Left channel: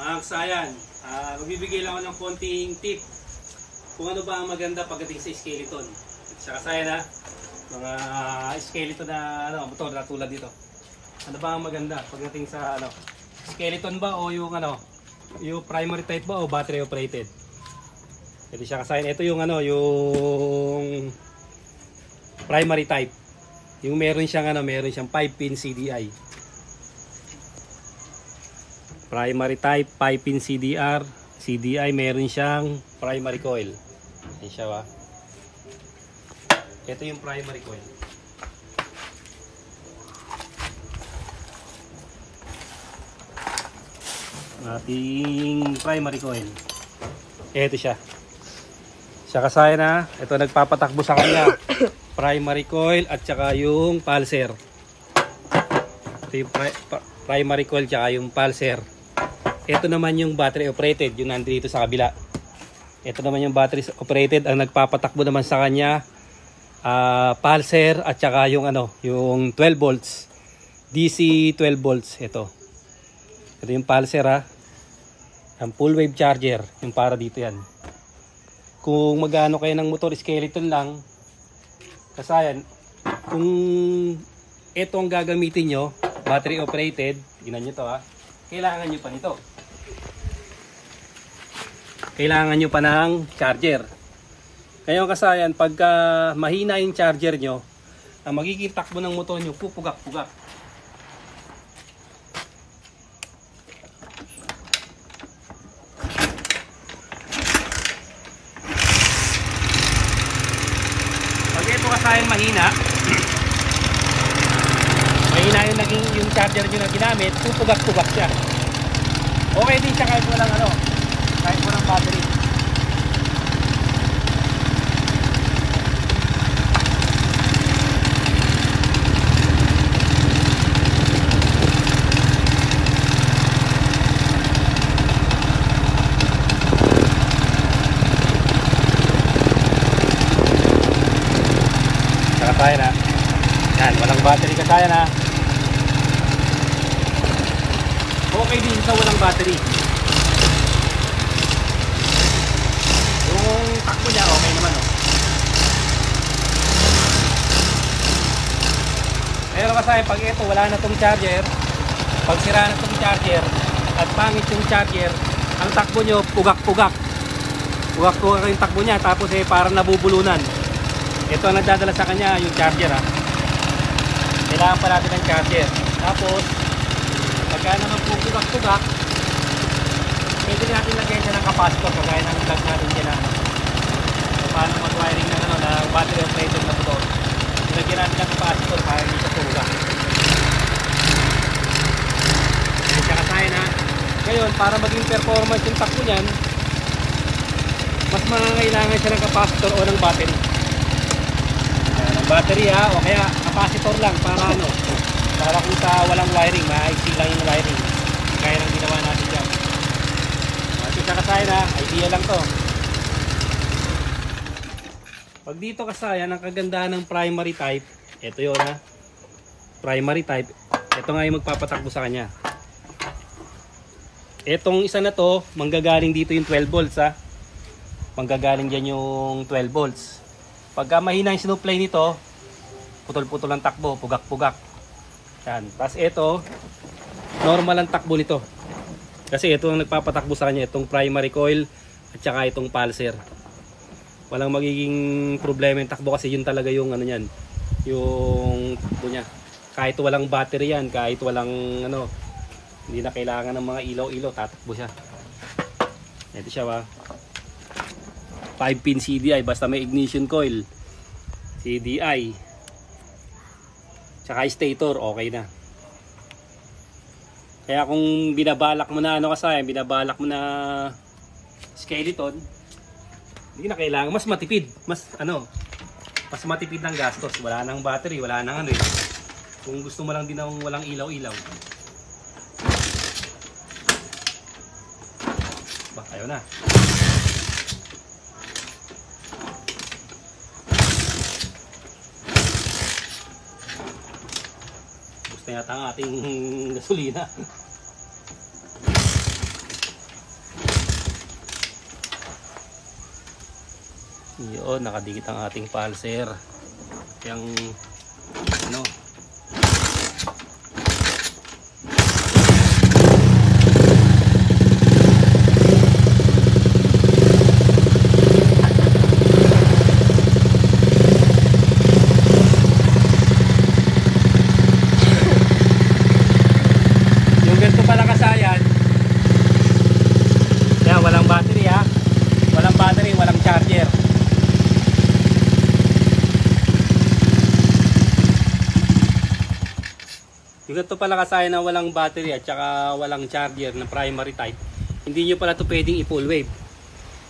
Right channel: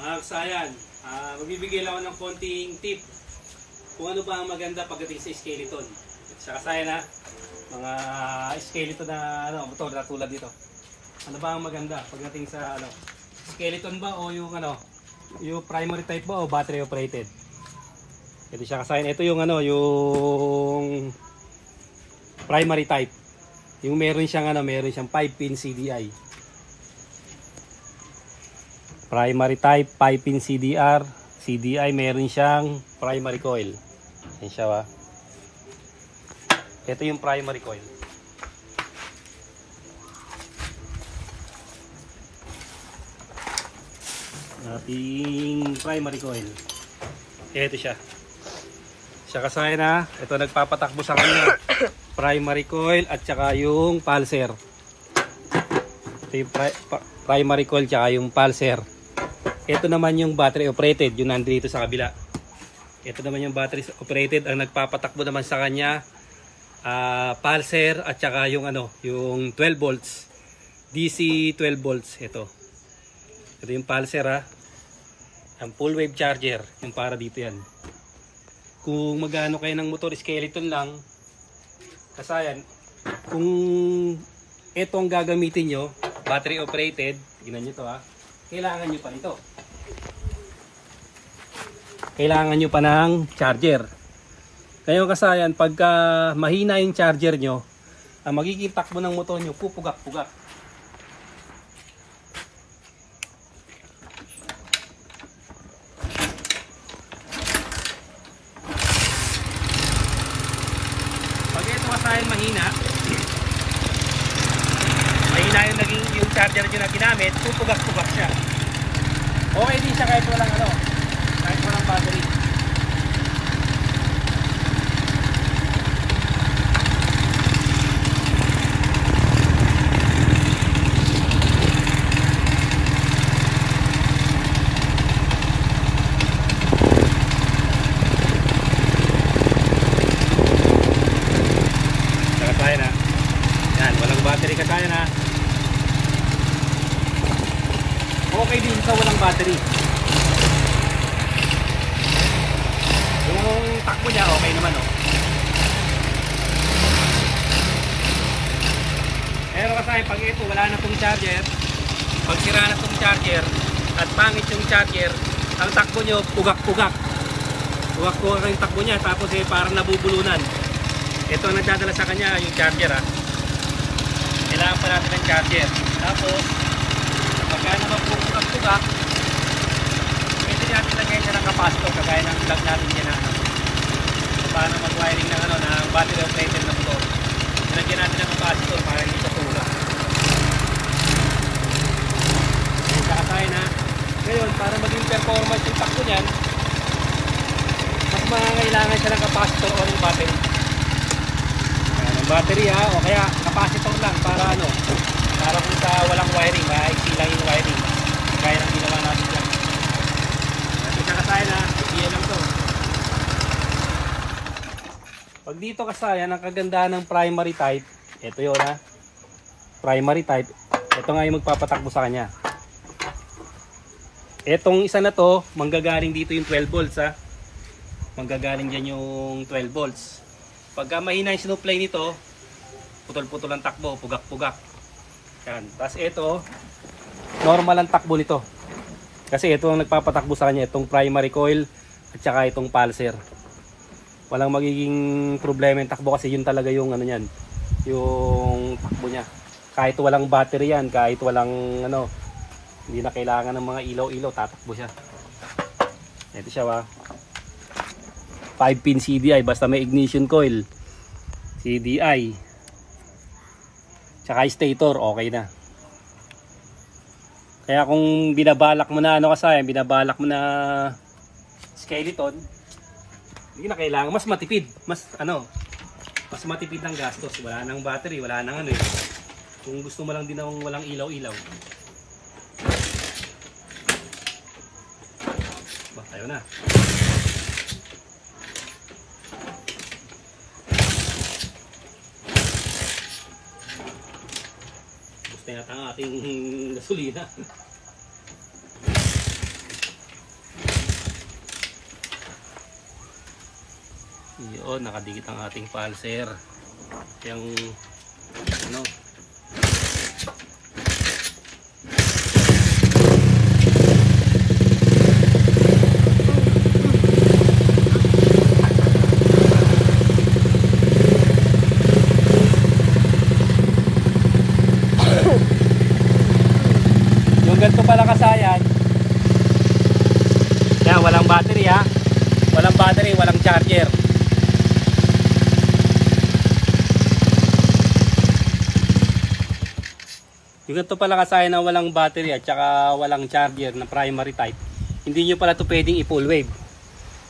Mga kasayan, magbibigay lang ako ng konting tip kung ano ba ang maganda pagdating sa skeleton. Sa kasayan mga skeleton na motor na tulad dito. Ano ba ang maganda pagdating sa skeleton ba o yung yung primary type ba o battery operated? Jadi siya kasayan, ito yung yung primary type. Yung meron siyang 5-pin CDI. Primary type, 5-pin CDI, meron siyang primary coil. Yan siya ba? Ito yung primary coil. Ating primary coil. Ito siya. Siya kasaya ito nagpapatakbo sa kanya. Primary coil at saka yung pulser. Ito yung primary coil at yung pulser. Ito naman yung battery operated, yung nandito sa kabila. Ito naman yung battery operated, ang nagpapatakbo naman sa kanya pulser at saka yung yung 12 volts. DC 12 volts ito. Ito yung pulser ang full wave charger, yung para dito yan. Kung magano kayo ng motor skeleton lang, kasayan, kung ito ang gagamitin nyo, battery operated, tingnan nyo to kailangan nyo pa nito. Kailangan nyo pa ng charger. Ngayon kasayan, pagka mahina yung charger nyo, ang magiging takbo ng motor nyo, pupugak-pugak. Pag ito kasayan mahina yung charger nyo na ginamit, pupugak-pugak siya. Okay din siya kahit walang battery. Kaya na. Walang battery kaya na. Okay din sa walang battery. Yung takbo niya okay naman Pero kasi pag ito wala na tong charger, pag sira na tong charger at pangit yung charger, ang takbo nyo pugak-pugak. Pugak-pugak yung takbo niya, tapos parang nabubulunan. Ito ang nagdadala sa kanya yung charger Kailangan pa natin ng charger. Tapos pagka naman pugak-pugak, pwede natin lagyan nyo ng capacitor kagaya ng vlog natin dyan paano mag-wiring na battery operated na motor. Lagyan natin ng capacitor para hindi sa tulak. Ayan siya kasayan Ngayon, para maging performance yung takbo niyan, mas mangangailangan siya ng capacitor o ng battery. Ng battery o kaya capacitor lang para para kung sa walang wiring, maayos lang yung wiring. Kaya na ginawa natin dyan. Natin siya kasayan idea lang to. Pag dito kasayan, ang kagandahan ng primary type, ito yun primary type, ito nga yung magpapatakbo sa kanya. Etong isa na to, manggagaling dito yung 12 volts manggagaling dyan yung 12 volts. Pagka mahina yung sinupplay nito, putol-putol ang takbo, pugak-pugak. Yan. Tapos ito, normal ang takbo nito. Kasi ito ang nagpapatakbo sa kanya, itong primary coil at saka itong pulser. Walang magiging problema yung takbo kasi yun talaga yung yung takbo niya. Kahit walang battery yan, kahit walang hindi na kailangan ng mga ilaw-ilaw, tatakbo siya. Ito siya 5-pin CDI, basta may ignition coil, CDI, tsaka stator, okay na. Kaya kung binabalak mo na binabalak mo na skeleton, hindi na kailangan, mas matipid, mas matipid ng gastos, wala nang battery, wala nang kung gusto mo lang din ng walang ilaw-ilaw. Ayaw na. Gusto yata ang ating gasolina. Yun, nakadikit ang ating pulser. Yung ano, ito pala kasayan na walang battery at saka walang charger na primary type. Hindi nyo pala ito pwedeng i-full wave.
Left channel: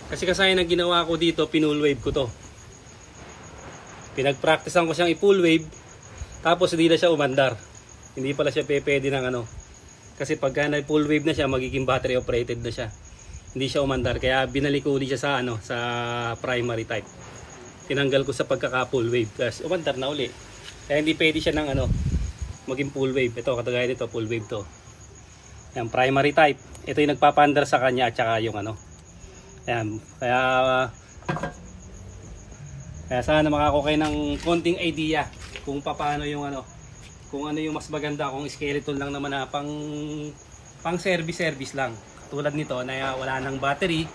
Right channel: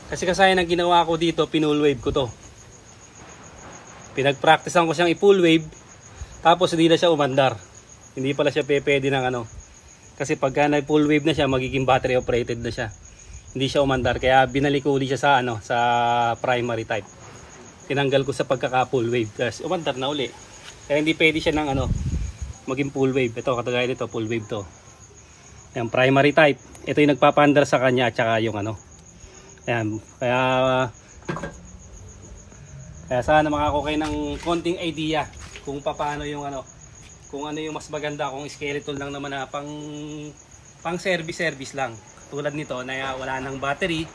Kasi kasayan na ginawa ko dito, pinull wave ko to. Pinag-practicean ko siyang i-full wave, tapos hindi na siya umandar. Hindi pala siya pwede ng ano. Kasi pagka na-full wave na siya, magiging battery operated na siya. Hindi siya umandar, kaya binalik ko ulit siya sa ano, sa primary type. Tinanggal ko sa pagkaka-full wave kasi umandar na uli. Kaya hindi pwede siya ng ano, maging full wave. Ito, katagaya nito, full wave to. Yan, primary type. Ito yung nagpapandar sa kanya at saka yung ano. Yan, kaya sana makako kayo ng konting idea kung paano yung ano, kung ano yung mas maganda, kung skeleton lang naman na pang service lang. Tulad nito na wala nang battery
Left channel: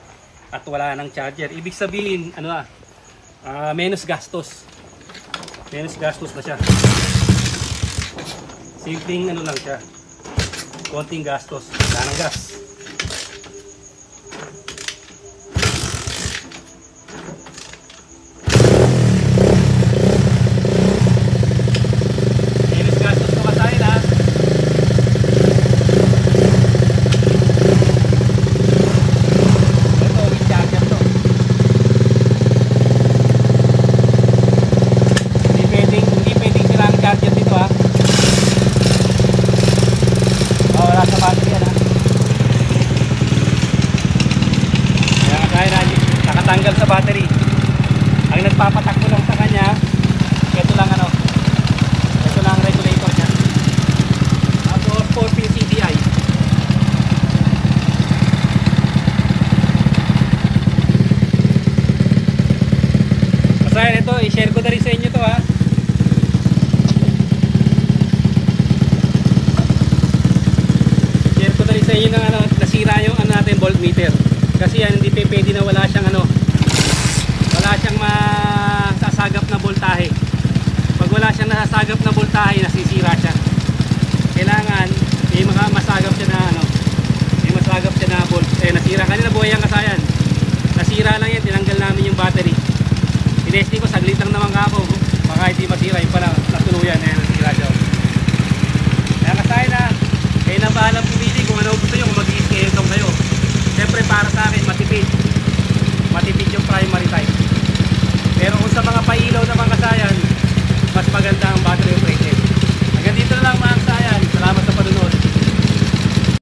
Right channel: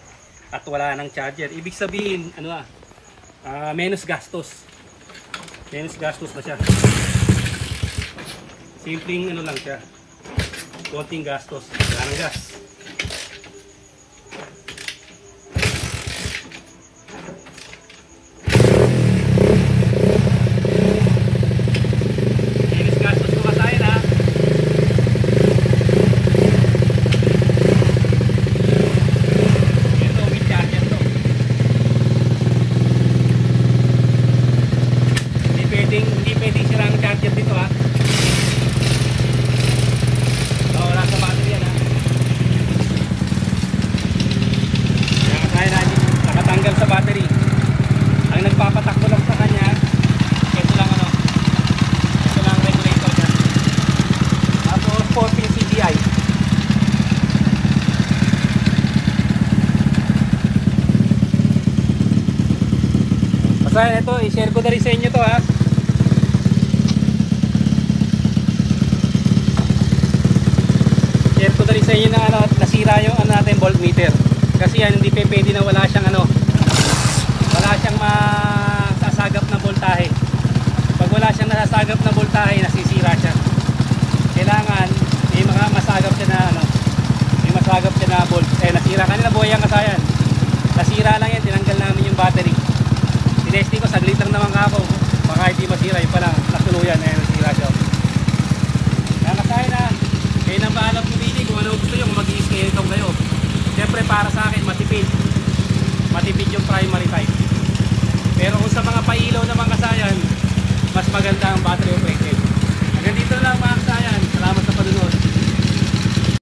at wala nang charger. Ibig sabihin, ano na, menos gastos. Menos gastos na siya. Simpleng ano lang siya, konting gastos, wala ng gas. Menos gastos to kasayan ha. Ito, may charger to. Hindi pwedeng silang charger dito ha. Nakatanggal sa battery. Ang nagpapatakbo lang sa kanya, ito lang ano, ito lang regulator dyan. Tapos 4-pin CDI. Basta ito, i-share ko na rin sa inyo to ha. Share ko na rin sa inyo na ano, nasira yung ano natin, voltmeter. Kasi yan, hindi pwede na wala siyang ano, wala siyang masasagap na voltahe. Pag wala siyang nasasagap na voltahe, nasisira siya. Kailangan may masagap siya na ano, may masagap siya na volt. Nasira kanina, buhay ang kasayan. Nasira lang yan, tinanggal namin yung battery. Tinesting ko, saglit lang naman ako, baka hindi masira. Yung pala, natuluyan, nasira siya. Kaya kasayan na, kayo na bahala pumili kung ano gusto nyo, kung mag-i-skeleton kayo. Siyempre para sa akin matipid yung primary type. Pero kung sa mga pailaw naman kasayan, mas maganda ang battery